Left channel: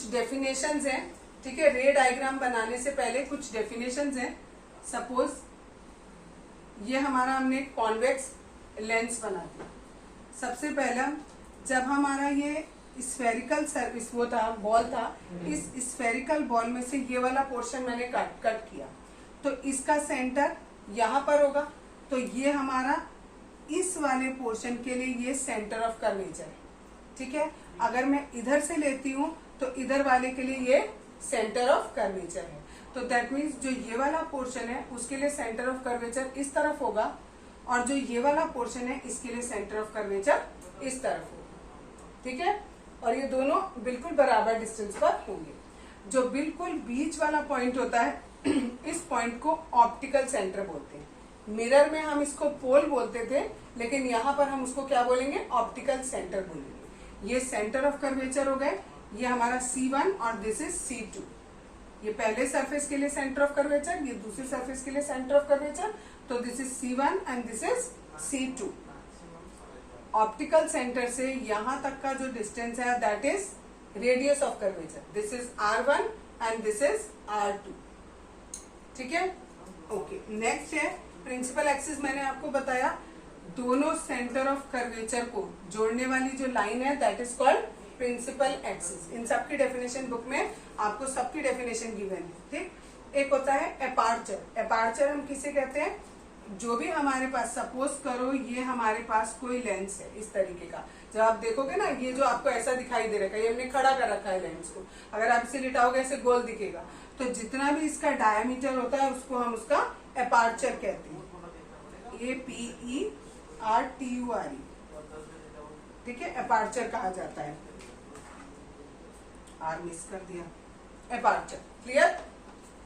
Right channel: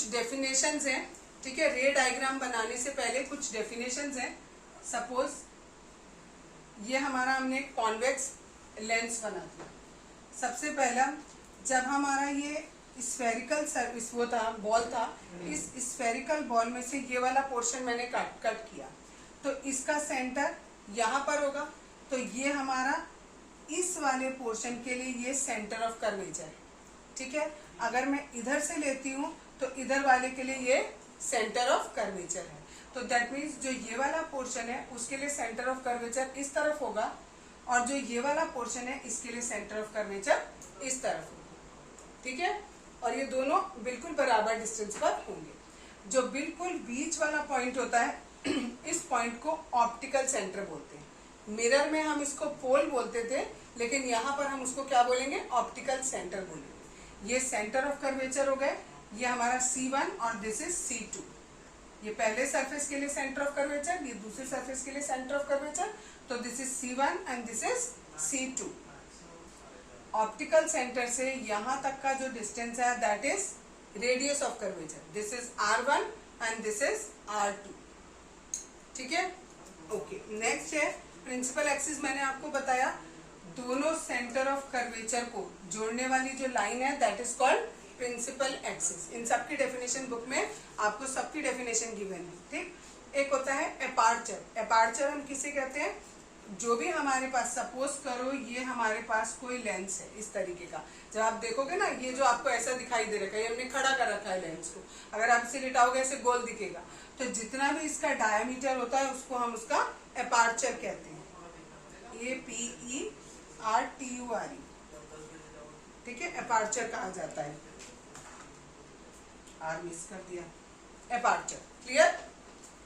कुछ डेफिनेशंस हैं, ठीक है। रे डायग्राम बनाने से पहले कुछ डेफिनेशंस हैं। सपोज ये हमारा हमने कॉन्वेक्स लेंस बना दिया। सबसे पहला, जब हमारा ये स्फेरिकल सर्विस वो था, बॉल था, इस स्फेरिकल बॉल में से ये वाला पोर्शन मैंने कट किया, तो इसका सेंटर यहाँ पर होगा। तो ये हमारा इस वाले पोर्शन के लिए ये सेंटर ऑफ कर्वेचर है, ठीक है। अगर मैं इधर से लेती हूँ तो इधर वाले के लिए ये सेंटर ऑफ कर्वेचर है। तो दैट मीन्स जो ये वाला पोर्शन है उसके लिए सेंटर ऑफ कर्वेचर इस तरफ होगा, और जो ये वाला पोर्शन है इसके लिए सेंटर ऑफ कर्वेचर इस तरफ होगा, ठीक है। और ये दोनों बिल्कुल बराबर डिस्टेंस पर होंगे। जो बिल्कुल बीच वाला पॉइंट होता है इस पॉइंट को ऑप्टिकल सेंटर बोलते हैं। मिरर में हम इसको पोल बोलते थे, लेकिन यहाँ पर हम उसको क्या बोलेंगे, ऑप्टिकल सेंटर बोलेंगे। ये सेंटर ऑफ कर्वेचर हो गए, ये हमारा C1 और दिस इज C2। ये पहले सरफेस के लिए सेंटर ऑफ कर्वेचर, ये दूसरी सरफेस के लिए सेंटर ऑफ कर्वेचर। तो this is C1 and this is C2। Optical centre से यहाँ तक का जो डिस्टेंस है that is radius of curvature. This is R1 and this is R2, ठीक है। ओके, नेक्स्ट है प्रिंसिपल एक्सिस। मैंने आपको बताया दोनों सेंटर ऑफ कर्वेचर को जोड़ने वाली जो लाइन है that is called principal axis. इन सबकी डेफिनेशन बुक में आपको सबकी डेफिनेशन गिवन है, ठीक। एक होता है एपार्चर। एपार्चर हम किसे कहते हैं, जो भी हमारे पास, सपोज करो ये हमारे पास कोई लेंस है इस तरीके का। जब आप देखोगे ना, ये जो आपको ऐसा दिखाई दे रहा है, ये हमने खड़ा कर रखा है लेंस को, अगर आप इसे लिटाओगे ऐसे गोल दिखेगा। तो जितना भी इसका डायमीटर होता है उसको हम उसका एपार्चर कहते हैं। APERTURE, ठीक है, एपार्चर कहा जाता है। आर मिस कर दिया, एपार्चर, क्लियर,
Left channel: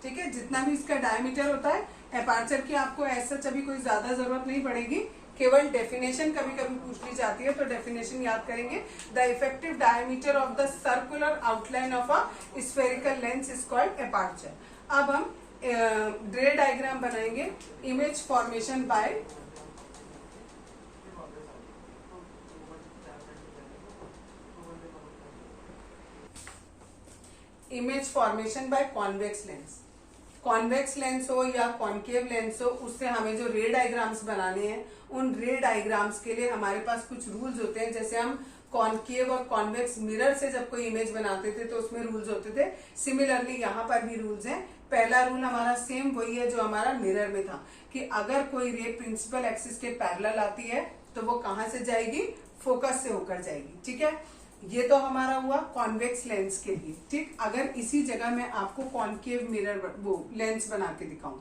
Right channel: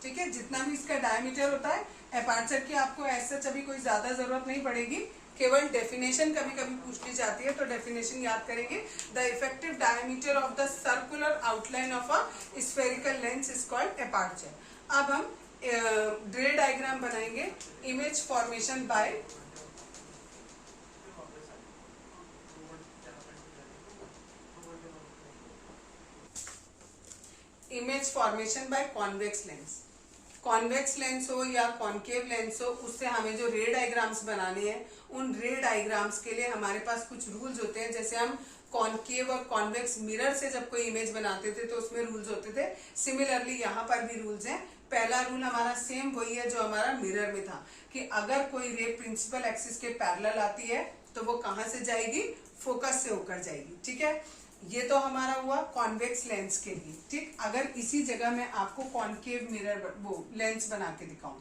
ठीक है। जितना भी इसका डायमीटर होता है, एपार्चर की आपको ऐसा कभी कोई ज्यादा जरूरत नहीं पड़ेगी, केवल डेफिनेशन कभी कभी पूछ ली जाती है तो डेफिनेशन याद करेंगे। The effective diameter of the circular outline of a spherical lens is called aperture. अब हम रे डायग्राम बनाएंगे। Image formation by convex lens. Convex lens हो या कॉन्केव लेंस हो, उससे हमें जो रे डायग्राम्स बनाने हैं, उन रे डायग्राम्स के लिए हमारे पास कुछ रूल्स होते हैं। जैसे हम कॉन्केव और कॉन्वेक्स मिरर से जब कोई इमेज बनाते थे तो उसमें रूल्स होते थे, सिमिलरली यहाँ पर भी रूल्स हैं। पहला रूल हमारा सेम वही है जो हमारा मिरर में था, कि अगर कोई रे प्रिंसिपल एक्सिस के पैरेलल आती है तो वो कहाँ से जाएगी, फोकस से होकर जाएगी, ठीक है। ये तो हमारा हुआ कॉन्वेक्स लेंस के लिए, ठीक। अगर इसी जगह मैं आपको कॉन्केव मिरर वो लेंस बना के दिखाऊं,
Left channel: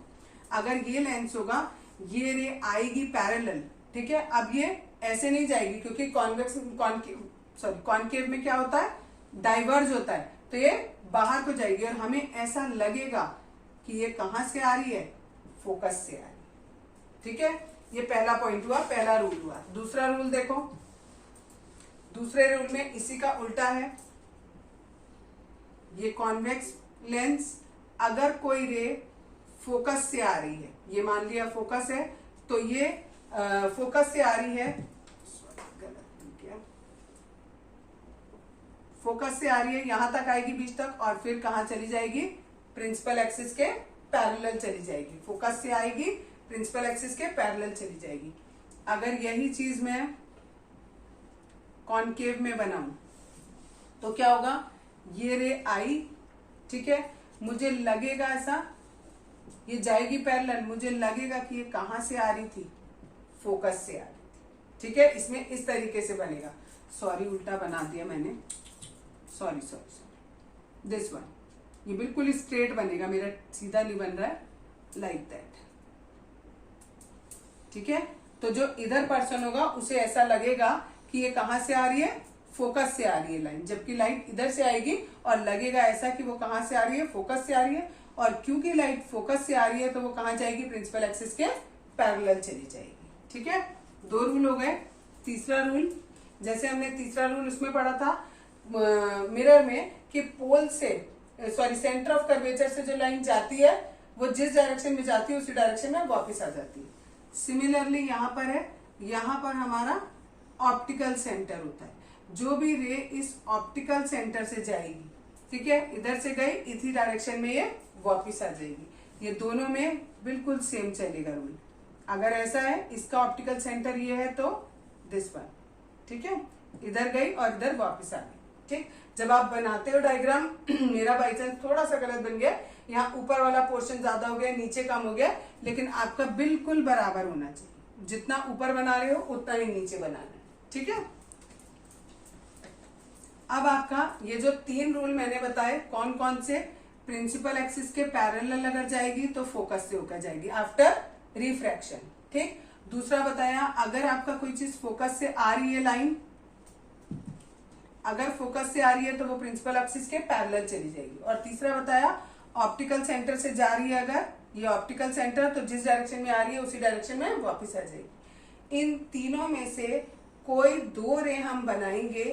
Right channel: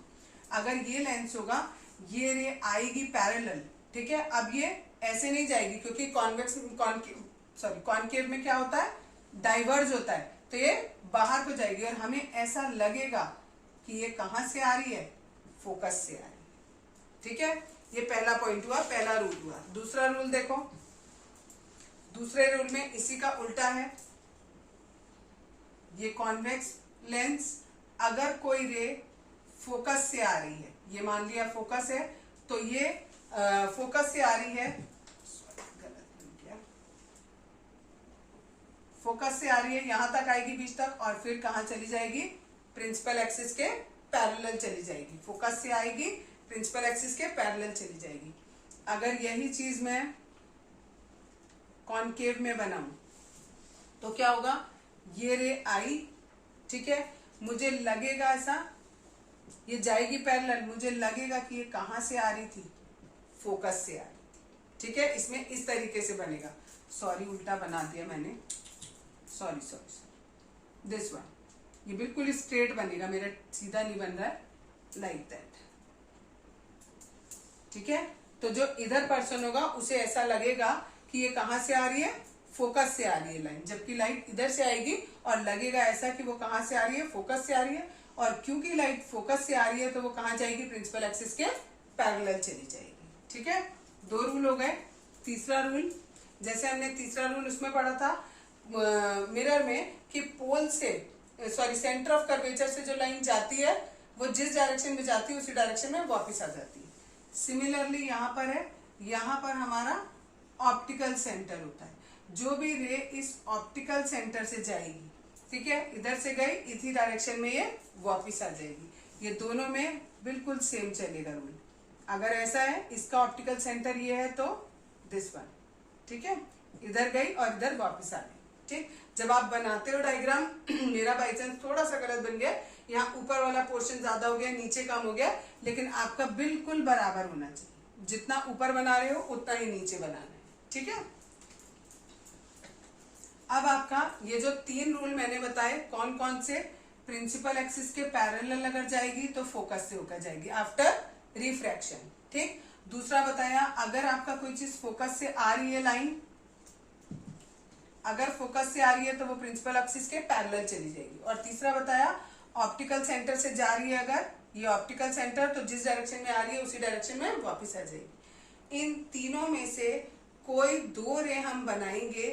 अगर ये लेंस होगा, ये रे आएगी पैरेलल, ठीक है। अब ये ऐसे नहीं जाएगी क्योंकि कॉन्केव में क्या होता है, डाइवर्ज होता है, तो ये बाहर को जाएगी और हमें ऐसा लगेगा कि ये कहां से आ रही है, फोकस से आ रही है, ठीक है। ये पहला पॉइंट हुआ, पहला रूल हुआ। दूसरा रूल देखो, दूसरे रूल में इसी का उल्टा है। ये कॉन्वेक्स लेंस, अगर कोई रे फोकस से आ रही है, ये मान लिया फोकस है, तो ये फोकस से आ रही है, फोकस से आ रही है, यहां तक आएगी बीच तक, और फिर कहां चली जाएगी, प्रिंसिपल एक्सिस के पैरेलल चली जाएगी। फोकस से आएगी, प्रिंसिपल एक्सिस के पैरेलल चली जाएगी। अगर यही चीज मैं कॉन्केव में बनाऊं तो क्या होगा, ये रे आई, ठीक है, मुझे लगेगा ऐसा, ये जाएगी पैरेलल, मुझे लगेगा कि ये कहां से आ रही थी, फोकस से आ रही थी, ठीक है। इसमें इस तरीके से बनेगा। सॉरी, उल्टा बना दिया मैंने, सॉरी, दिस वन, ये बिल्कुल स्ट्रेट बनेगा, मेरा सीधा नहीं बन रहा है, लाइक दैट, ठीक है। तो जो इधर पर्सन होगा उसे ऐसा लगेगा कि ये कहां से आ रही है, फोकस से आ रही है लाइन, जबकि लाइट इधर से आएगी और लगेगा ऐसा कि वो कहां से आ रही है, फोकस से आ रही है। और क्योंकि लाइट फोकस से आ रही है तो वो कहां जाएगी, प्रिंसिपल एक्सिस के पैरेलल चली जाएगी, ठीक है। दो रूल हो गए। तीसरा रूल, जैसे हमने तीसरा रूल उसमें पढ़ा था मिरर में, कि पोल से सेंटर ऑफ कर्वेचर से जो लाइन जाती है वो जिस डायरेक्शन में जाती है उसी डायरेक्शन में वापस आ जाती है। सिमिलरली यहाँ पर है, यहाँ पर हमारा ऑप्टिकल सेंटर होता है। जो भी रे इस ऑप्टिकल सेंटर से जाएगी, ठीक है, इधर से गई इसी डायरेक्शन में ये वापस आ जाएगी। ये दोनों में बिल्कुल सेम चलेगा रूल। अगर ऐसा है, इसका ऑप्टिकल सेंटर ये है तो दिस वन, ठीक है, इधर गई और इधर वापस आ गई। ठीक, जब आप बनाते हो डायग्राम मेरा बाई चांस थोड़ा सा गलत बन गया, यहाँ ऊपर वाला पोर्शन ज्यादा हो गया, नीचे कम हो गया, लेकिन आपका बिल्कुल बराबर होना चाहिए। जितना ऊपर बना रहे हो उतना ही नीचे बनाना है। ठीक है, अब आपका ये जो 3 रूल मैंने बताए, कौन कौन से, प्रिंसिपल एक्सिस के पैरेलल अगर जाएगी तो फोकस से होकर जाएगी आफ्टर रिफ्रैक्शन। ठीक, दूसरा बताया, अगर आपका कोई चीज फोकस से आ रही है लाइन, अगर फोकस से आ रही है तो वो प्रिंसिपल एक्सिस के पैरेलल चली जाएगी। और तीसरा बताया, ऑप्टिकल सेंटर से जा रही है अगर ये ऑप्टिकल सेंटर, तो जिस डायरेक्शन में आ रही है उसी डायरेक्शन में वापस आ जाएगी। इन तीनों में से कोई 2 रे हम बनाएंगे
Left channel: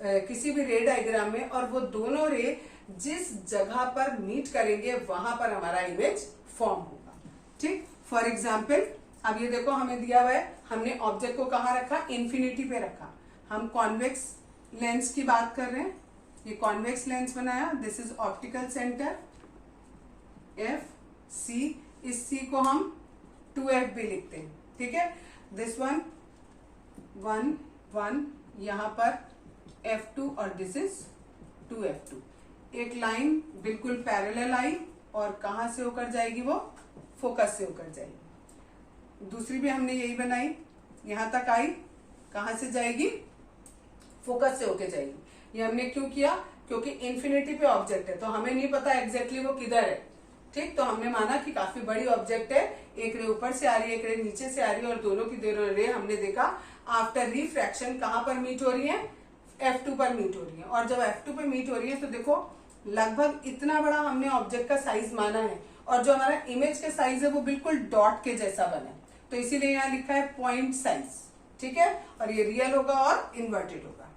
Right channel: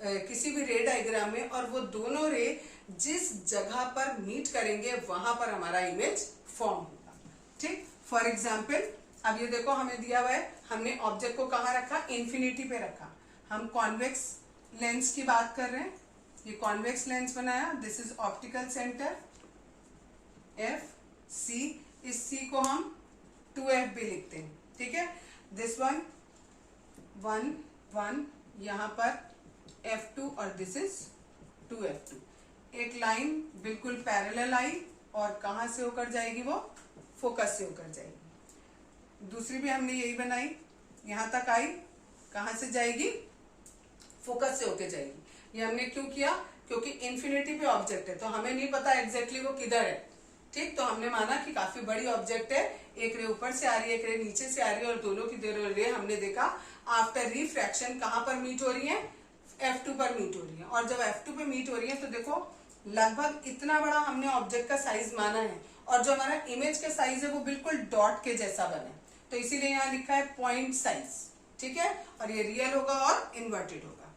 किसी भी रे डायग्राम में, और वो दोनों रे जिस जगह पर मीट करेंगे वहां पर हमारा इमेज फॉर्म होगा। ठीक, फॉर एग्जाम्पल अब ये देखो हमें दिया हुआ है, हमने ऑब्जेक्ट को कहाँ रखा, इन्फिनिटी पे रखा। हम कॉन्वेक्स लेंस की बात कर रहे हैं, ये कॉन्वेक्स लेंस बनाया, this is optical centre F C, इस सी को हम 2F भी लिखते हैं। ठीक है, दिस वन 1 1, यहां पर F2 और दिस इज 2F2। एक लाइन बिल्कुल पैरेलल आई और कहां से होकर जाएगी, वो फोकस से होकर जाएगी। दूसरी भी हमने यही बनाई, यहां तक आई, कहां से जाएगी, फोकस से होकर जाएगी। ये हमने क्यों किया, क्योंकि इन्फिनिटी पे ऑब्जेक्ट है तो हमें नहीं पता एग्जैक्टली वो किधर है। ठीक, तो हमने माना कि काफी बड़ी ऑब्जेक्ट है, एक रे ऊपर से आ रही है, एक रे नीचे से आ रही है, और दोनों की रे हमने देखा आफ्टर रिफ्रैक्शन कहां पर मीट हो रही है, F2 पर मीट हो रही है। और जब F2 पे मीट हो रही है तो देखो लगभग इतना बड़ा हमने ऑब्जेक्ट का साइज माना है, और जो हमारा इमेज का साइज है वो बिल्कुल डॉट के जैसा बना है, तो इसीलिए यहाँ लिखा है पॉइंट साइज। ठीक है, और ये रियल होगा और इन्वर्टेड होगा।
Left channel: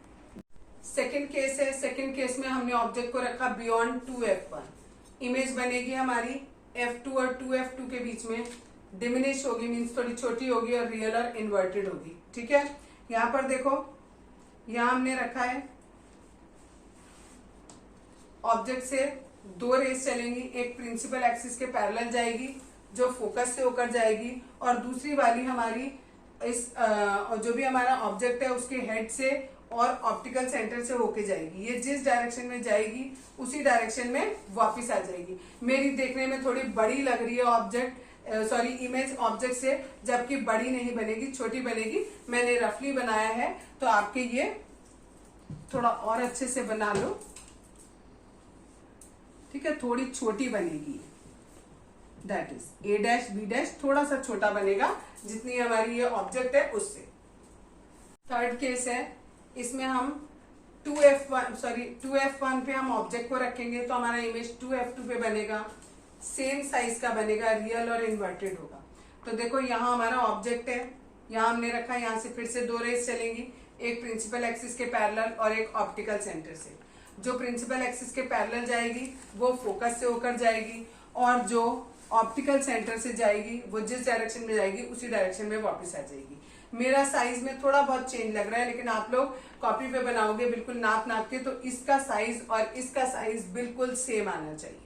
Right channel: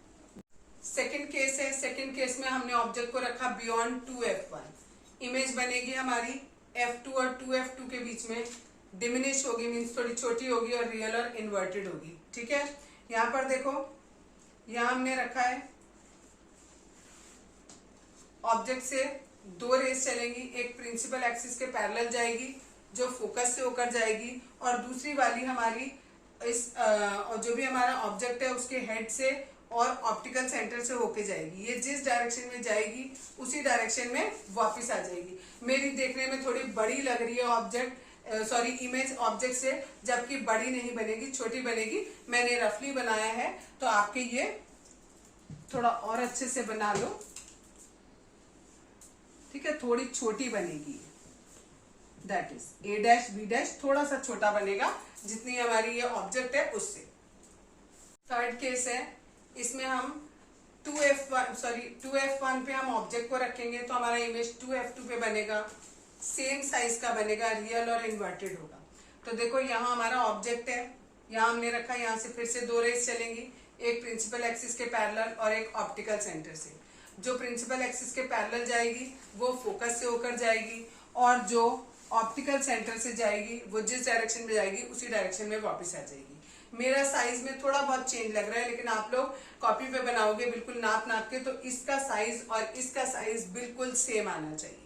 सेकेंड केस है, सेकेंड केस में हमने ऑब्जेक्ट को रखा बियॉन्ड 2F1, इमेज बनेगी हमारी F2 और 2F2 के बीच में, डिमिनिश होगी, मीन्स थोड़ी छोटी होगी, और रियल और इन्वर्टेड होगी। ठीक है, यहाँ पर देखो, यहाँ हमने रखा है ऑब्जेक्ट से 2 रेस चलेंगी, एक प्रिंसिपल एक्सिस के पैरेलल जाएगी जो फोकस से होकर जाएगी, और दूसरी वाली हमारी इस जो भी हमारा ऑब्जेक्ट है उसके हेड से और ऑप्टिकल सेंटर से होके जाएगी। ये जिस डायरेक्शन में जाएगी उसी डायरेक्शन में वापस आ जाएगी। मेरी देखने में थोड़ी बड़ी लग रही है ऑब्जेक्ट, सॉरी इमेज ऑब्जेक्ट से, जबकि बड़ी नहीं बनेगी, छोटी बनेगी। मैंने रफली बनाया है, तो आपके ये थोड़ा और अच्छे से बना लो। ठीक है, थोड़ी छोटी बनेगी, that is A dash B dash थोड़ा सा छोटा बनेगा जितनी हमारी ये ऑब्जेक्ट है उससे। थर्ड केस है, इसमें हम 2F1 पे हम ऑब्जेक्ट को रखेंगे तो हमारा इमेज 2F2 पे बनेगा, सेम साइज का बनेगा, रियल और इन्वर्टेड होगा। तो देखो यहाँ हमारा ऑब्जेक्ट है, यहाँ हमने रखा, यहाँ से फिर से 2 रेस चलेंगी, एक प्रिंसिपल एक्सिस के पैरेलल और एक ऑप्टिकल सेंटर से। जो प्रिंसिपल एक्सिस के पैरेलल जाएगी वो फोकस से होकर जाएगी, और जो ऑप्टिकल सेंटर से जाएगी वो जिस डायरेक्शन में जाएगी उसी डायरेक्शन में वापस आ जाएगी। मेरा साइज में थोड़ा बहुत चेंज लग रहा है, लेकिन आप लोग कॉपी पे बनाओगे बिल्कुल नाप नाप के, तो इसका साइज और इसका साइज बिल्कुल सेम आना चाहिए।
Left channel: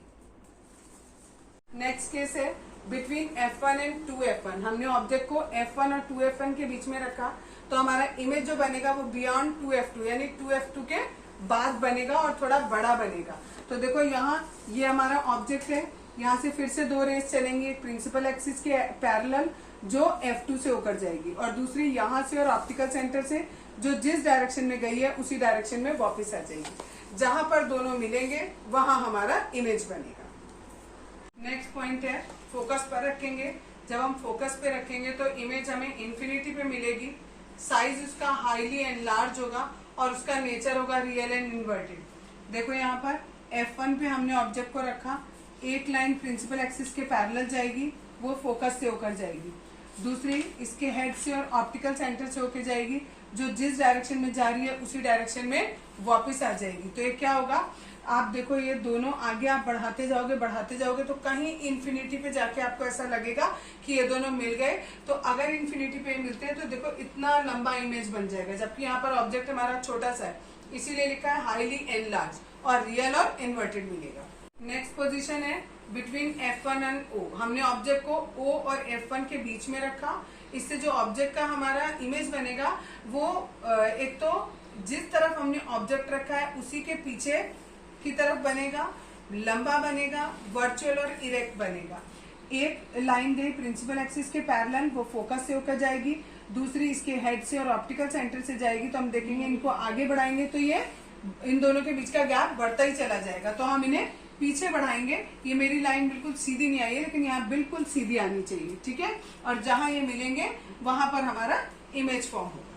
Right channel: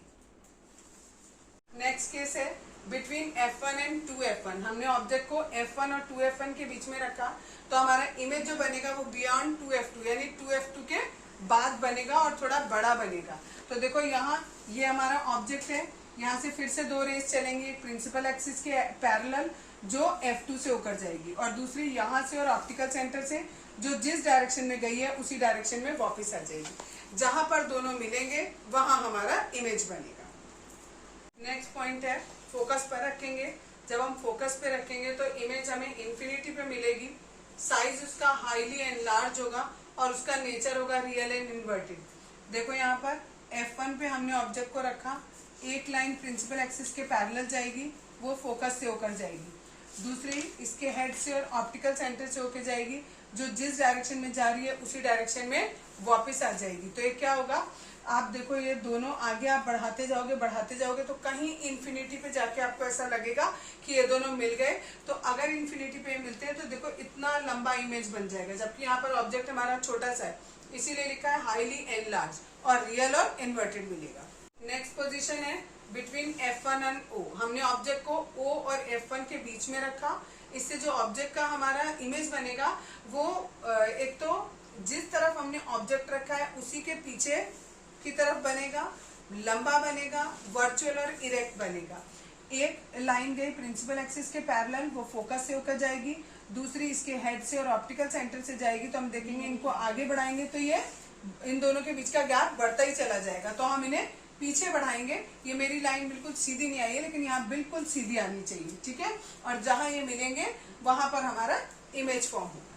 नेक्स्ट केस है बिटवीन F1 एंड 2F1। हमने ऑब्जेक्ट को F1 और 2F1 के बीच में रखा, तो हमारा इमेज जो बनेगा वो बियॉन्ड 2F2 यानी 2F2 के बाद बनेगा और थोड़ा बड़ा बनेगा। तो देखो यहाँ ये हमारा ऑब्जेक्ट है, यहाँ से फिर से 2 रेस चलेंगी, प्रिंसिपल एक्सिस के पैरेलल जो F2 से होकर जाएगी, और दूसरी यहाँ से और ऑप्टिकल सेंटर से जो जिस डायरेक्शन में गई है उसी डायरेक्शन में वापस आ जाएगी। जहां पर दोनों मिलेंगे वहां हमारा इमेज बनेगा। नेक्स्ट पॉइंट है, फोकस पर रखेंगे। जब हम फोकस पे रखेंगे तो इमेज हमें इन्फिनिटी पे मिलेगी, साइज उसका हाईली एनलार्ज होगा और उसका नेचर होगा रियल एंड इन्वर्टेड। देखो यहाँ पर F1 पे हमने ऑब्जेक्ट को रखा, एक लाइन प्रिंसिपल एक्सिस के पैरेलल जाएगी, वो फोकस से होकर जाएगी, दूसरी इसके हेड से और ऑप्टिकल सेंटर से होकर जाएगी, जो जिस डायरेक्शन में जा रही है उसी डायरेक्शन में वापस आ जाएगी। तो ये क्या होगा, आप देखो ये दोनों आगे आप बढ़ाते जाओगे तो कहीं इन्फिनिटी पे जाके आपको ऐसा लगेगा कि ये दोनों मिल गए। तो अगर इन्फिनिटी पे मिलते हैं तो देखो इतना लंबा इमेज बन जाएगा, जबकि यहाँ पर ऑब्जेक्ट हमारा छोटा सा है, इसीलिए लिखा है हाईली एनलार्ज, और रियल और इन्वर्टेड मिलेगा। नेक्स्ट पोजीशन है बिटवीन F1 एंड O। हमने ऑब्जेक्ट को O और F1 के बीच में रखा। इससे जो ऑब्जेक्ट का हमारा इमेज बनेगा वो एक तो जिस तरफ हमने ऑब्जेक्ट रखा है उसी के पीछे की तरफ बनेगा, लंबा बनेगा, वर्चुअल और इरेक्ट बनेगा। एक लाइन गई प्रिंसिपल एक्सिस के पैरेलल, वो फोकस से होकर जाएगी, दूसरी इसके हेड से और ऑप्टिकल सेंटर से जाएगी। तो हम देखेंगे इनको आगे बढ़ाएंगे तो ये इन दोनों के बीच का गैप बढ़ता ही चला जाएगा, तो हम इन्हें पीछे बढ़ाएंगे। ये मेरी लाइन बिल्कुल सीधी नहीं आई है, लेकिन यहाँ बिल्कुल सीधी आनी चाहिए, ठीक है। और जहां ये मिलेंगे वहां पर हमारा इमेज फॉर्म होगा।